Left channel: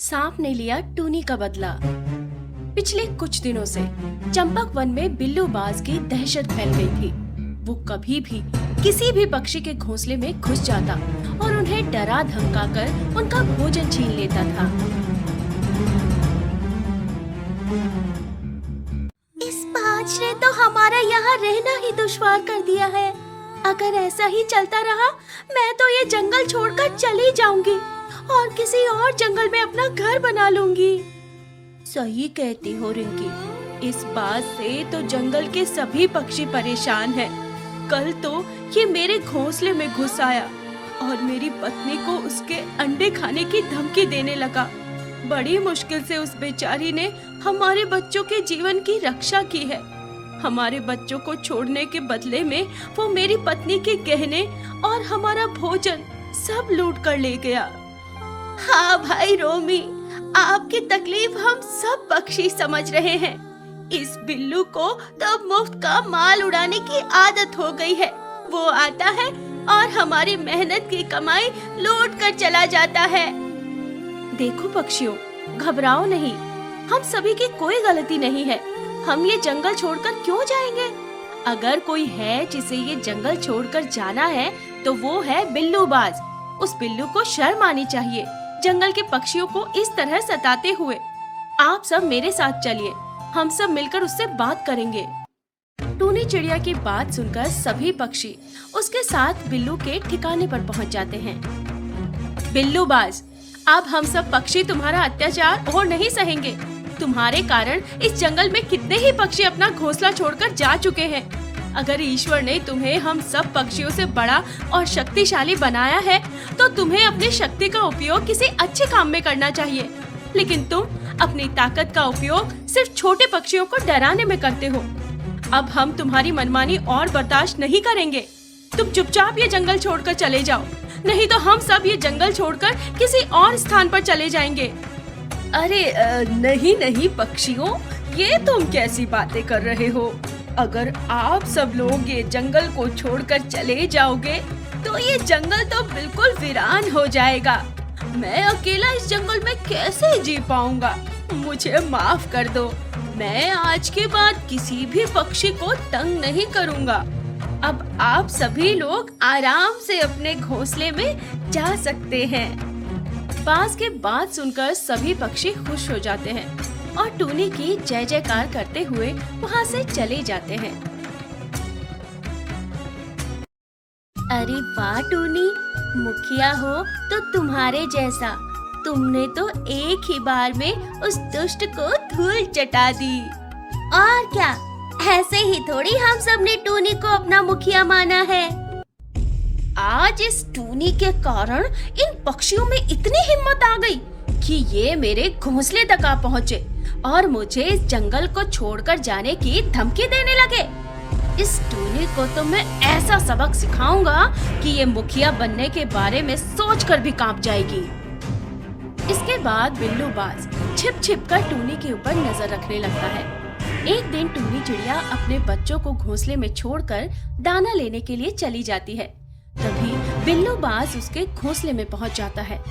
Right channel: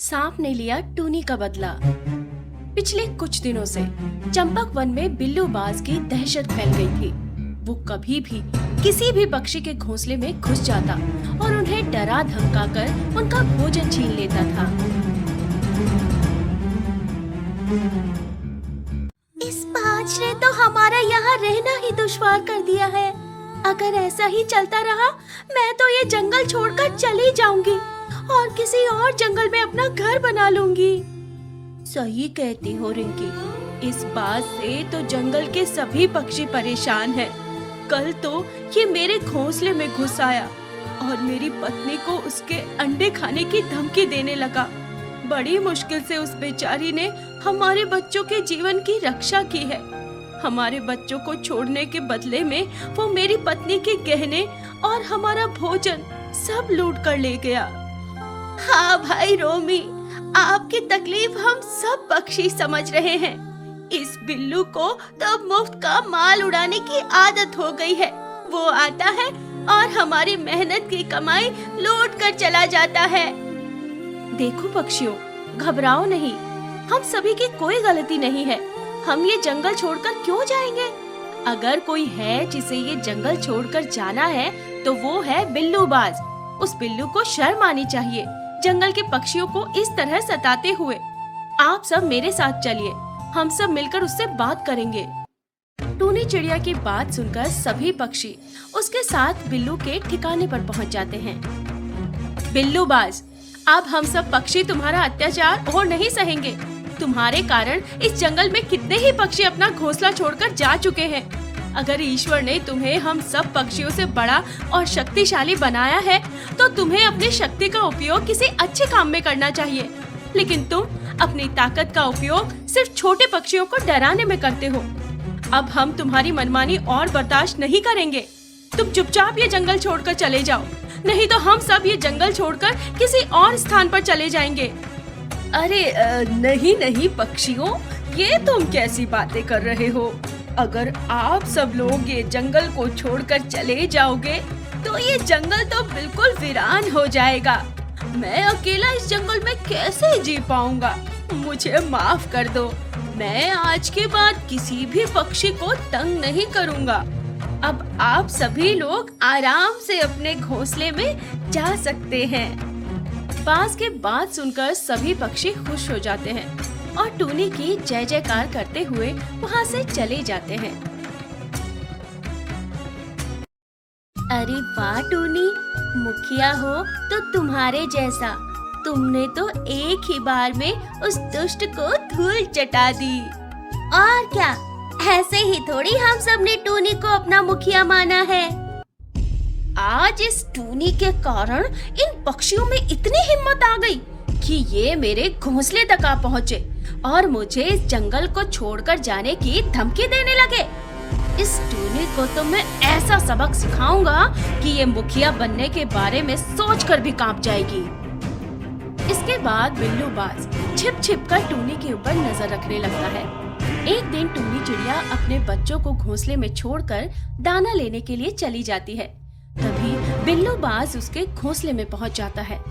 सांप ने लिया टूनी का बदला। पिछले कुछ दिनों से चंपक वन में बिल्लू बाज की दहशत फैल गई थी। वो कभी भी किसी भी पक्षी के घोंसले में घुस जाता और उन्हें डरा धमका कर उनका भोजन छीन लेता था। इस बाज ने तो हमारा यहाँ रहना ही दुश्वार कर दिया है। अगर ऐसा ही चलता रहा मैं तो ये जंगल छोड़कर चली जाऊंगी और किसी और जंगल में अपना घर बना लूंगी। सही कहती हो रिंकी, इस बात से तो जंगल के सभी पक्षी परेशान हैं। कल तो ये मेरे घोंसले में घुस आया और मेरी पत्नी को उसके अंडे खाने की धमकी देने लगा। बड़ी मुश्किल से उस बेचारी ने हमारे बच्चों के जीवन की रक्षा की है। हमारे बच्चों को छोड़ने के बदले में वो मेरी पत्नी के गहने और हमारा भोजन सब लूट कर ले गया। हाँ भाई रोमी, आपकी तकलीफ हम सब पक्षी समझ रहे हैं। इस बिल्लू को तो मुफ्त का माल उड़ाने की आदत हो गई है। वो आता है और हमारी मेहनत की कमाई लूट कर चला जाता है। देखो पक्षियों, घबराओ नहीं, हम सभी की कोई गलती नहीं है। हम ये जंगल छोड़कर क्यों जाएंगे? अगर कोई है जिसे ये जंगल छोड़कर जाना है तो वो है बिल्लू बाज। उस बिल्लू को शर्म आनी चाहिए जंगल के पक्षियों को इस तरह सताते हुए। आप सब मेरे साथ चलिए, हम सब मिलकर उससे बात करेंगे। टूनी चिड़िया की बात सुनकर सभी पक्षी उसके साथ बिल्लू के ठिकाने पर पहुंच जाते हैं। बिल्लू बाज, अब हम सब पक्षी तुम्हारा अत्याचार और नहीं सहेंगे। तुम्हारे कारण इस जंगल में कितने ही पक्षी अपना घोंसला छोड़कर जा चुके हैं। अगर ईश्वर ने तुम्हें हम सब पक्षियों से बड़ा और शक्तिशाली बनाया है तो तुम्हें अपनी शक्ति का उपयोग किसी अच्छे काम में करना चाहिए। लेकिन तुम अपनी ताकत का उपयोग सिर्फ छोटे पक्षियों को डराने में करते हो। अब हम तुम्हारी मनमानी और बर्दाश्त नहीं करेंगे। तुम चुपचाप ये जंगल छोड़कर चले जाओ, नहीं तो हम सब ये जंगल छोड़कर किसी और स्थान पर चले जाएंगे। अरे नहीं नहीं पक्षियों, ये तुम कैसी बातें कर रहे हो? अगर आप सब लोग ये जंगल को छोड़कर चले जाओगे तो ये जंगल तो बिल्कुल वीरान हो जाएगा। मैं अकेला इस जंगल में कैसे जी पाऊंगा? मुझे माफ कर दो, मैं आज के बाद किसी भी पक्षी को तंग नहीं करूंगा। अब आप सभी लोग आराम से अपने घोंसले में जा सकते हैं। बाज के बात सुनकर सभी पक्षी खुश हो जाते हैं और टूनी की जय जयकार करते हुए वहाँ से चले जाते हैं। अरे वाह टूनी, मुखिया हो तो तुम्हारे जैसा। तुमने तो एक ही बार में उस दुष्ट को धूल चटा दी। और क्या, ऐसे ही थोड़ी हम सब ने टूनी को अपना मुखिया माना है। आज इस टूनी के कारण इन पक्षियों में इतनी हिम्मत आ गई कि ये मेरे घोंसले तक आ पहुँचे और मुझे इस जंगल को छोड़कर जाने की धमकी देने लगे। इस टूनी को तो मैं ऐसा सबक सिखाऊंगा कि ये मुखिया बनने के बारे में सोचकर भी कांप जाएगी। इसके बाद बिल्लू बाज छिप छिप कर टूनी के ऊपर नजर रखने लगता है। एक दिन टूनी चिड़िया अपने बच्चों को घोंसले में छोड़कर दाना लेने के लिए चली जाती है। तभी बिल्लू बाज उसके घोंसले में पहुंच जाता है।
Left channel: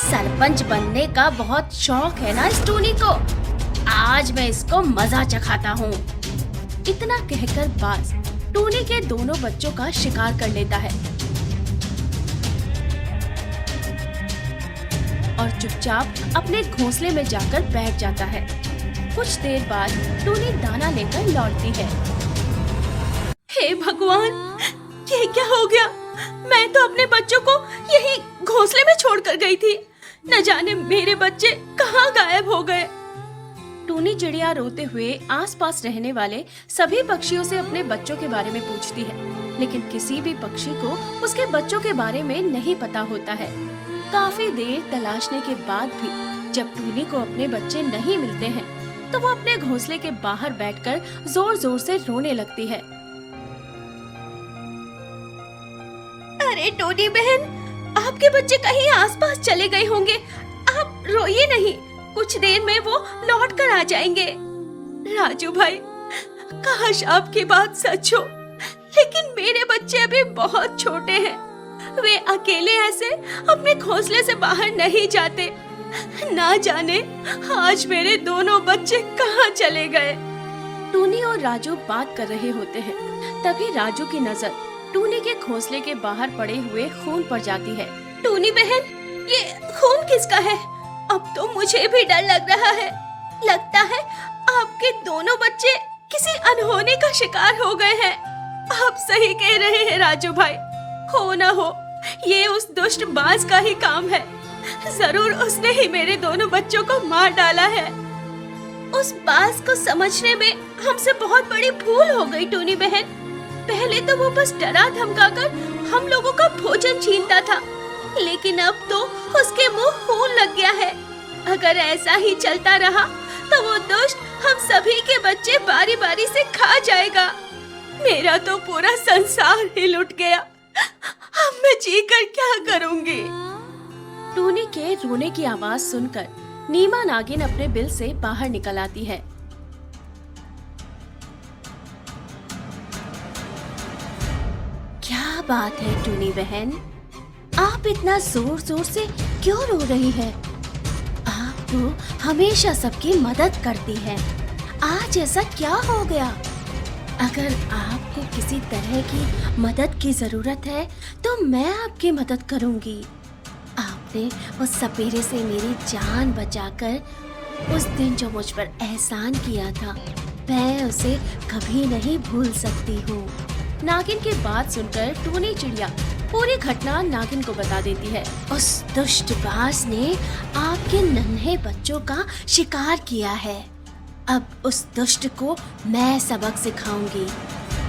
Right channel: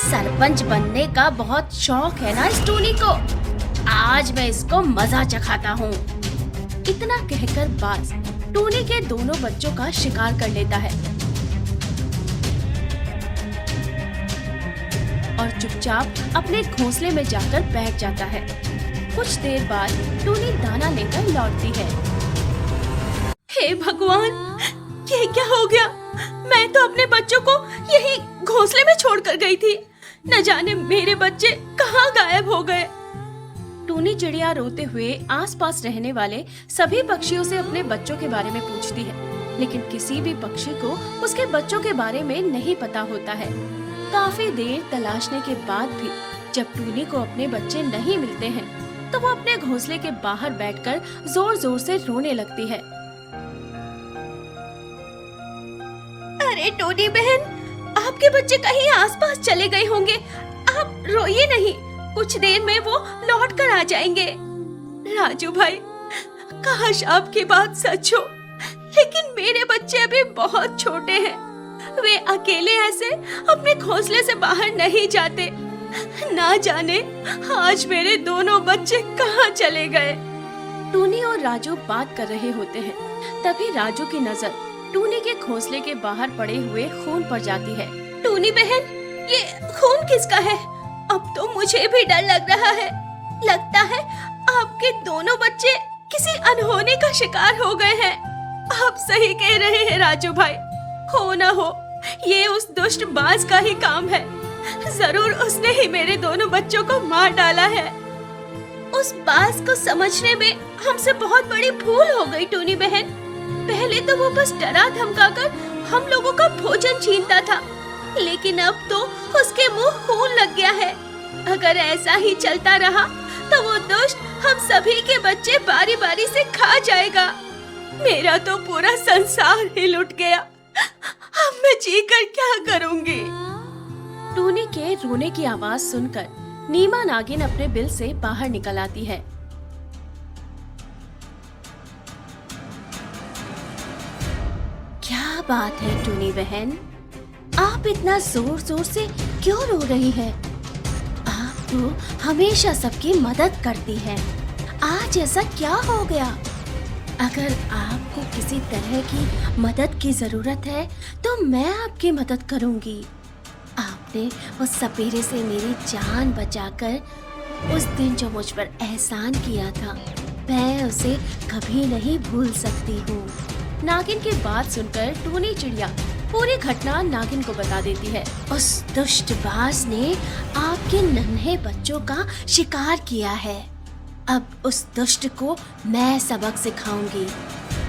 सरपंच बनने का बहुत शौक है ना इस टूनी को, आज मैं इसको मजा चखाता हूँ। इतना कहकर बाज टूनी के दोनों बच्चों का शिकार कर लेता है और चुपचाप अपने घोंसले में जाकर बैठ जाता है। कुछ देर बाद टूनी दाना लेकर लौटती है। हे भगवान, ये क्या हो गया? मैं तो अपने बच्चों को यहीं घोंसले में छोड़कर गई थी। न जाने मेरे बच्चे कहाँ गायब हो गए। टूनी चिड़िया रोते हुए आसपास रहने वाले सभी पक्षियों से अपने बच्चों के बारे में पूछती है, लेकिन किसी भी पक्षी को उसके बच्चों के बारे में नहीं पता होता है। काफी देर तलाशने के बाद भी जब टूनी को अपने बच्चे नहीं मिलते हैं तो वो अपने घोंसले के बाहर बैठकर जोर जोर से रोने लगती है। अरे टूनी बहन, आपके बच्चे कहीं आसपास चले गए होंगे। आप रोइए नहीं, कुछ देर में वो लौट कर आ जाएंगे। राजू भाई, काश आपकी बात सच हो, लेकिन मेरे बच्चे अभी बहुत छोटे हैं। वे अकेले ऐसे अपने घोंसले से बाहर नहीं जाते। ना जाने आज मेरे दोनों बच्चे कहाँ चले गए। टूनी और राजू बात कर रहे होते हैं। तभी राजू की नजर टूनी के घोंसले के बाहर पड़े हुए खून पर जाती है। टूनी बहन, ये खून किसका है? अब तो मुझे भी डर लग रहा है। लगता है आपके दोनों बच्चे किसी अनहोनी का शिकार हो गए हैं। आप सही कह रहे हैं राजू भाई। हो ना हो, ये उस दुष्ट बाज का ही काम है। जरूर उसने ही मेरे दोनों बच्चों को मार डाला है। उस बाज को समझने में हमसे बहुत बड़ी भूल हो गई टूनी बहन। पहले तो वो बस डरा धमकाकर हम लोगों का भोजन छीनता था, लेकिन अब तो उसके मुंह खून लग गया है। अगर ऐसा ही चलता रहा तो वो दुष्ट हम सभी के बच्चे बारी बारी से खा जाएगा। मेरा तो पूरा संसार ही लुट गया। मैं जीकर क्या करूंगी? टोनी के रोने की आवाज सुनकर नीमा नागिन अपने बिल से बाहर निकल आती है। क्या बात है टोनी बहन, आप इतना जोर जोर से क्यों रो रही है? आप तो हमेशा सबकी मदद करती हैं। आज ऐसा क्या हो गया? अगर आपको किसी तरह की मदद की जरूरत है तो मैं आपकी मदद करूंगी। आपने उस सपेरे से मेरी जान बचाकर उस दिन जो मुझ पर एहसान किया था, मैं उसे कभी नहीं भूल सकती हूँ। नागिन की बात सुनकर टूनी चिड़िया पूरी घटना नागिन को बता देती है। उस दुष्ट बाज ने आपके नन्हे बच्चों का शिकार किया है। अब उस दुष्ट को मैं सबक सिखाऊंगी।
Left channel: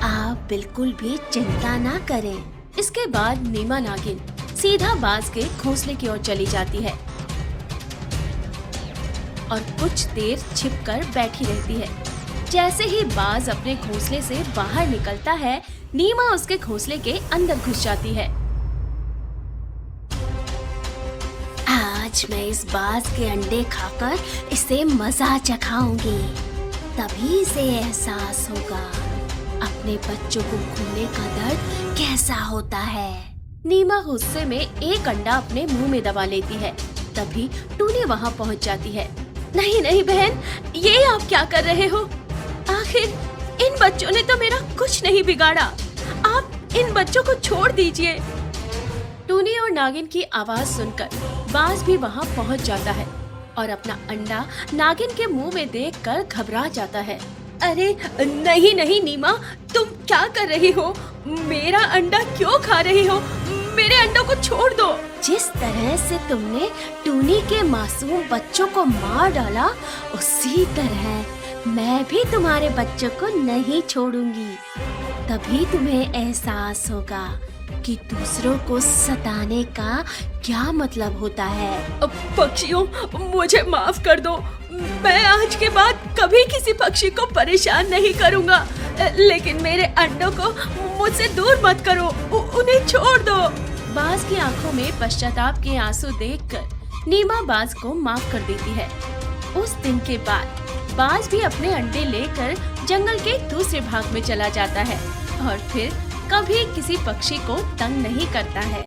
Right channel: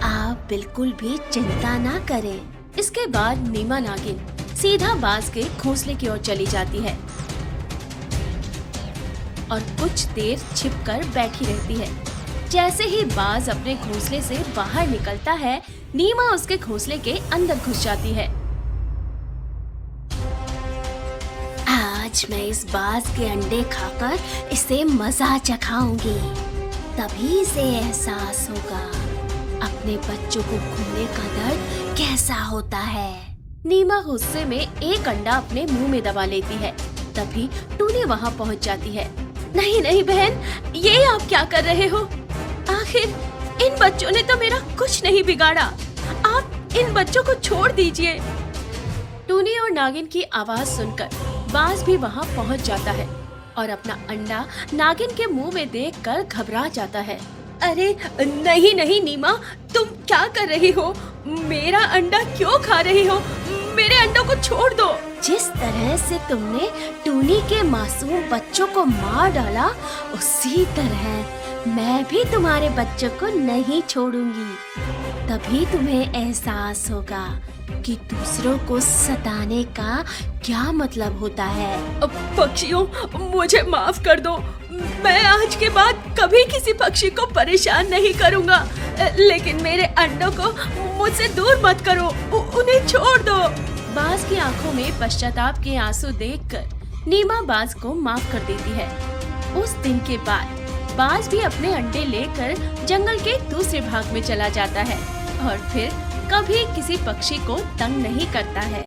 आप बिल्कुल भी चिंता ना करें। इसके बाद नीमा नागिन सीधा बाज के घोंसले की ओर चली जाती है और कुछ देर छिपकर बैठी रहती है। जैसे ही बाज अपने घोंसले से बाहर निकलता है, नीमा उसके घोंसले के अंदर घुस जाती है। आज मैं इस बाज के अंडे खाकर इसे मजा चखाऊंगी। तभी इसे एहसास होगा अपने बच्चों को खोने का दर्द कैसा होता है। नीमा गुस्से में एक अंडा अपने मुंह में दबा लेती है। तभी टूनी वहाँ पहुँच जाती है। नहीं नहीं बहन, ये आप क्या कर रहे हो? आखिर इन बच्चों ने तो मेरा कुछ नहीं बिगाड़ा। आप इन बच्चों को छोड़ दीजिए। टूनी और नागिन की आवाज सुनकर बाज भी वहाँ पहुँच जाता है और अपना अंडा नागिन के मुंह में देखकर घबरा जाता है। अरे नहीं नहीं नीमा, तुम क्या कर रही हो? मेरा अंडा क्यों खा रही हो? मेरे अंडों को छोड़ दो। जिस तरह से तुमने टूनी के मासूम बच्चों को मार डाला, उसी तरह मैं भी तुम्हारे बच्चों को नहीं छोड़ूंगी। तभी तुम्हें एहसास होगा कि दूसरों को सताने का क्या मतलब होता है। पक्षियों, मुझे माफ कर दो। मैं आज के बाद कभी किसी पक्षी को परेशान नहीं करूंगा। लेकिन मेरे अंडों को मुझसे दूर मत करो, उन्हें छोड़ दो। बाज की आंखों में पश्चाताप के आंसू देखकर नीमा बाज को माफ कर देती है। उस दिन के बाद बाज भी अपने अंडे लेकर जंगल के दूसरे भाग में चला जाता है और फिर कभी किसी पक्षी को तंग नहीं करता है।